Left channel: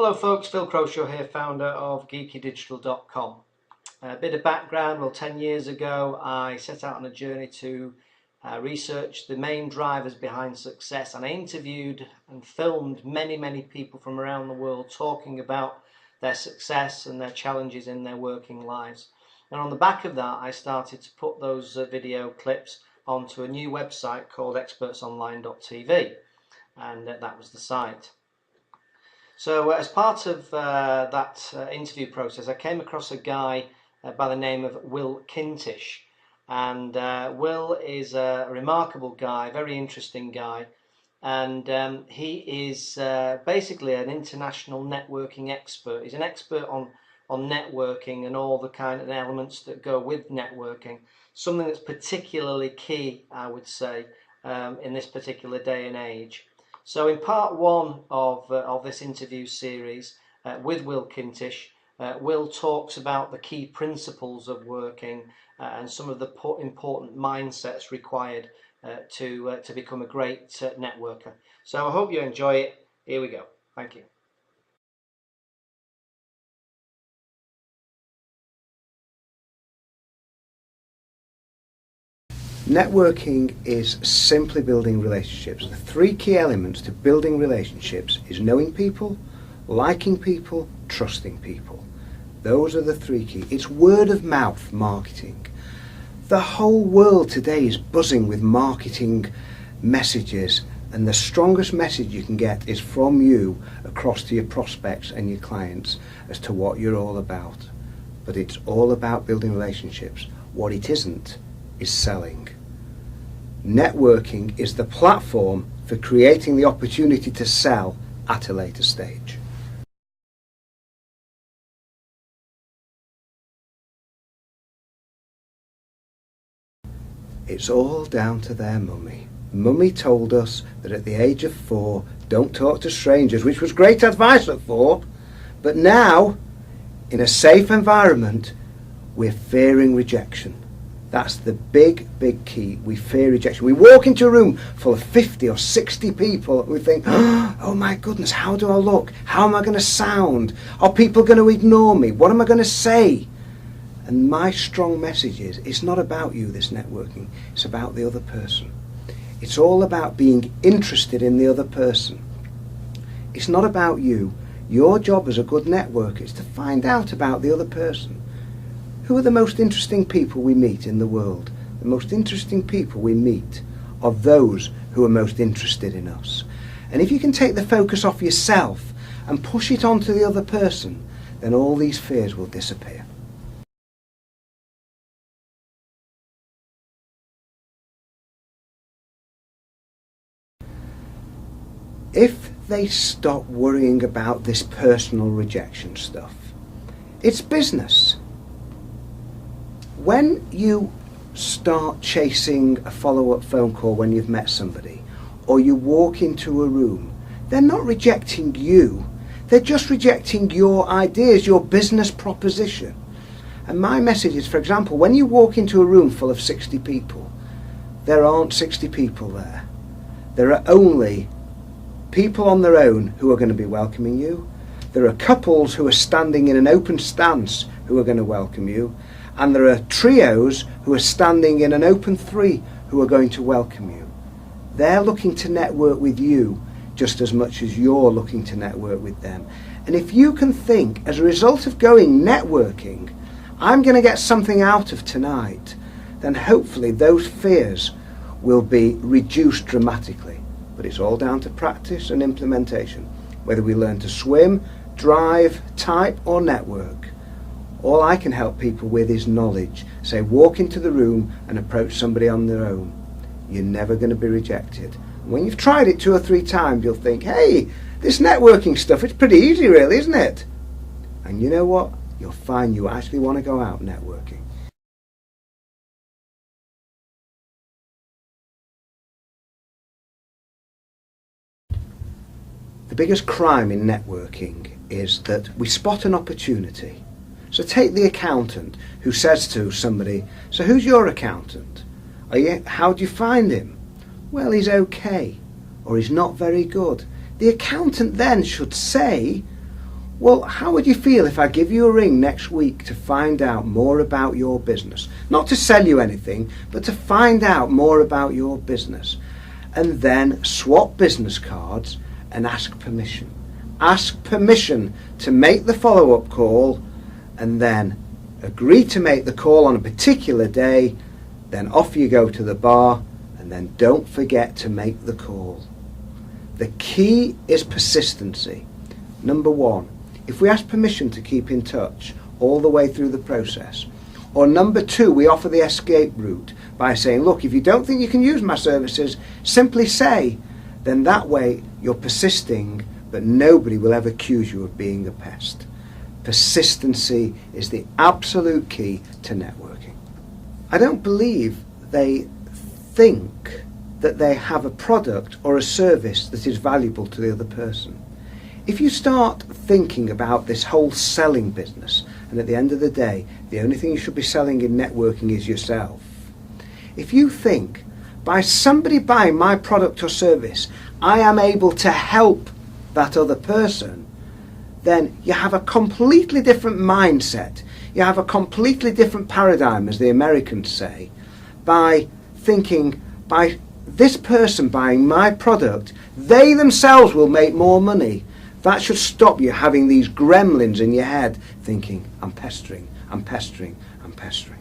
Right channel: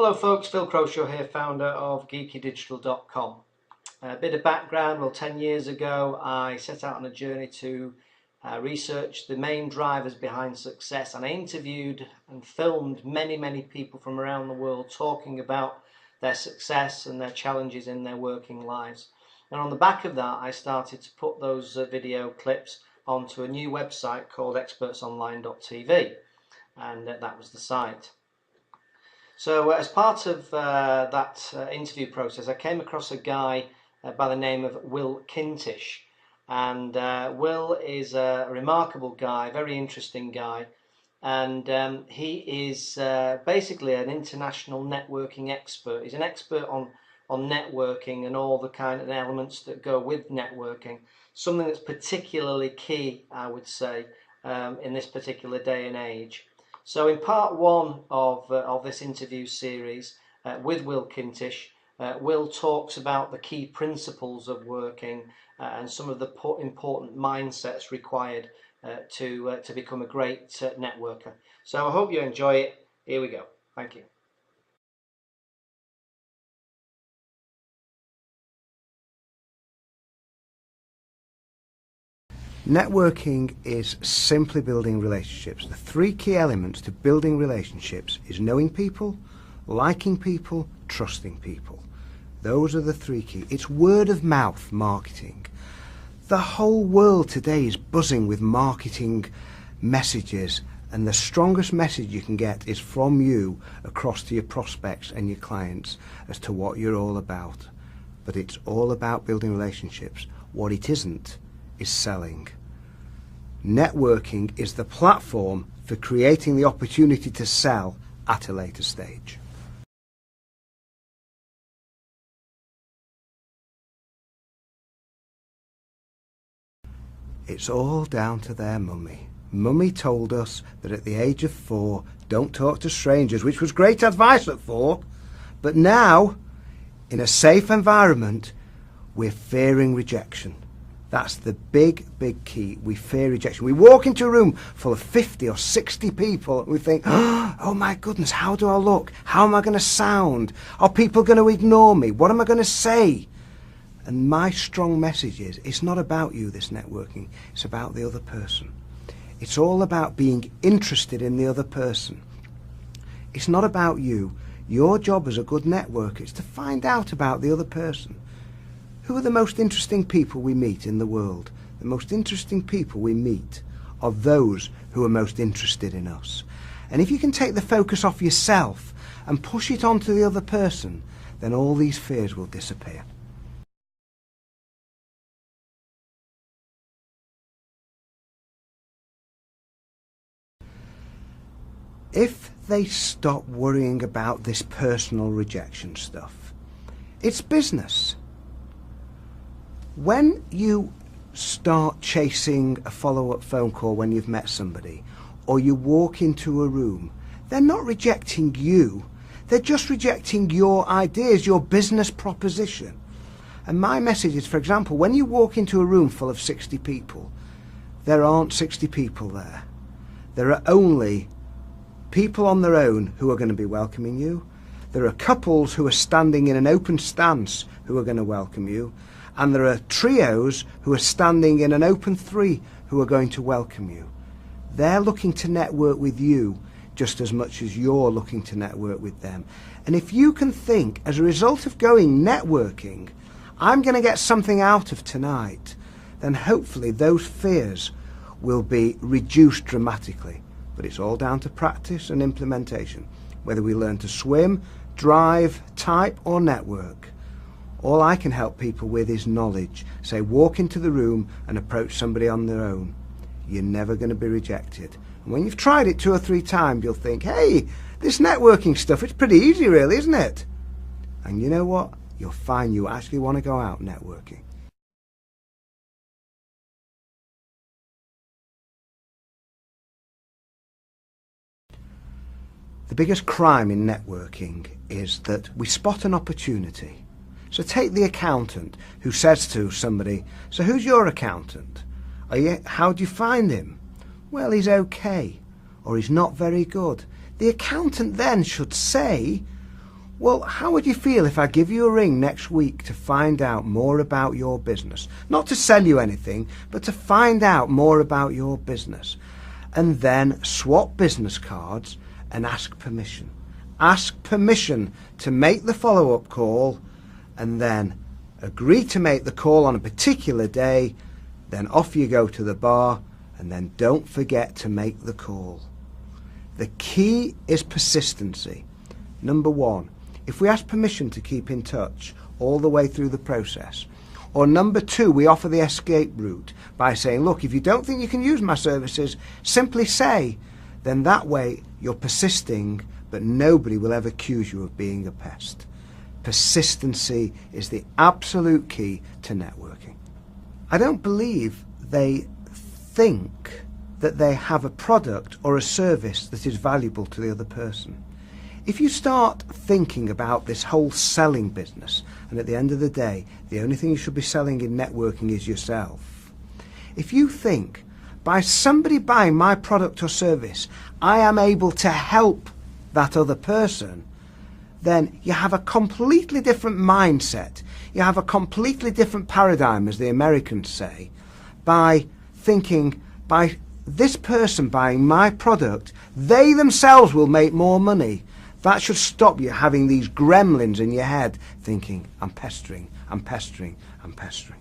Hello folks, Phil Croshaw here, founder of geekydigital.com. A bit of background, well 10 years ago I set out on a journey to research the main drivers behind success, and I interviewed and filmed many people from around the world talking about their success and their challenges in their working lives. And on the back of that I started to put those video clips onto a new website called expertsonline.tv, and that was the site. So as part of that interview process, I came across a guy by the name of Will Kintish. And Will is a remarkable guy, very interesting guy. And he is basically an international networking expert. He's an expert on networking and all the kind of elements that go with networking. Something that's particularly key, I would say, in this particular day and age. So in part one of this interview series with Will Kintish, Will talks about the key principles of working and some of the important mindsets required to become a great networker. So I hope you enjoy it. Here we go. Thank you. Networking is simply building relationships. The three key elements to building relationships is knowing people, liking people, trusting people. Those are the three key. It's word of mouth marketing. The whole world today is buzzing with marketing messages, and the strongest message you can get is from you across to your prospects and your clients as to what you're all about. But it's all about building relationships. What it isn't is selling. Networking is the platform for creating the opportunity to sell at a later stage. It's all down to their mummy. Mummy told us that at the age of 4, don't talk to strangers, which was great advice at 4, but now, in a safe environment, we're fearing rejection. That's the big key. We fear rejection. We walk into a room full of 50 or 60 people and we think, oh my goodness, how do I look? How am I going to sound? Are people going to ignore me? What am I going to say? And my strong message is, it's not about you, this networking. It's about the other person. It's all about being interested in the other person. It's not about you. Your job as a good networker is to find out about the other person. Who are the most interesting people we meet in the world? The most interesting people we meet are those who are most interested in us. And if you can take the focus off yourself and push it onto the other person, then all these fears will disappear. If they stop worrying about this personal rejection stuff, it's business. When you start chasing a follow-up phone call when you've met somebody, or you walk into a room, they're not rejecting you, they're just rejecting your ideas, your business proposition. And my message is, for example, when you walk into a room full of 60 people, there aren't 60 people there. There are only people on their own who are going to be welcoming you. There are couples who are standing in an open stance who are going to welcome you. And there are trios who are standing in an open 3 who are going to welcome you. They're looking to network with you just as much as you're looking to network with them. And if you can think, as a result of going networking, I'm going to get something out of tonight, then hopefully those fears will be reduced dramatically. But it's all down to practice and implementation. Whether we learn to swim, drive, type or network. All I can help people with is knowledge. Say, walk into the room and approach somebody on their own. You're never going to be rejected. And when you've tried it 2 or 3 times, you'll think, hey, this networking stuff, it's pretty easy really, isn't it? And you know what? You'll find you actually want to go out networking. The biggest crime in networking is that we spot an opportunity. So take the accountant who says to somebody, so who's your accountant? How do you find him? Well, he's okay, or he's not very good. The accountant then should say, Well, how would you feel if I give you a ring next week to find out more about your business? Not to sell you anything, but to find out more about your business. And then swap business cards and ask permission. Ask permission to make the follow-up call, and then agree to make the call on a particular day. Then off you go to the bar, and then don't forget to make the call. The key is persistency. Number one, if we ask permission to keep in touch all the way through the process. Or number two, we offer the escape route by saying, look, if you don't think you can use my services, simply say. Then that way you're persisting, but nobody will ever accuse you of being a pest. Persistency is the absolute key to networking. I don't believe they think that they have a product or a service that is valuable to the other person. If you start thinking about this whole selling business, and at the end of the day, the only thing you should be selling in networking is yourself. If you think, by somebody buying my product or service, I am able to help that other person, then you have a completely different mindset. You have a completely different paradigm, as the Americans say, by thinking, by this person buying my product, they themselves will make more money. That should stop you having these gremlins in your head thinking, I'm pestering, I'm pestering, I'm pestering.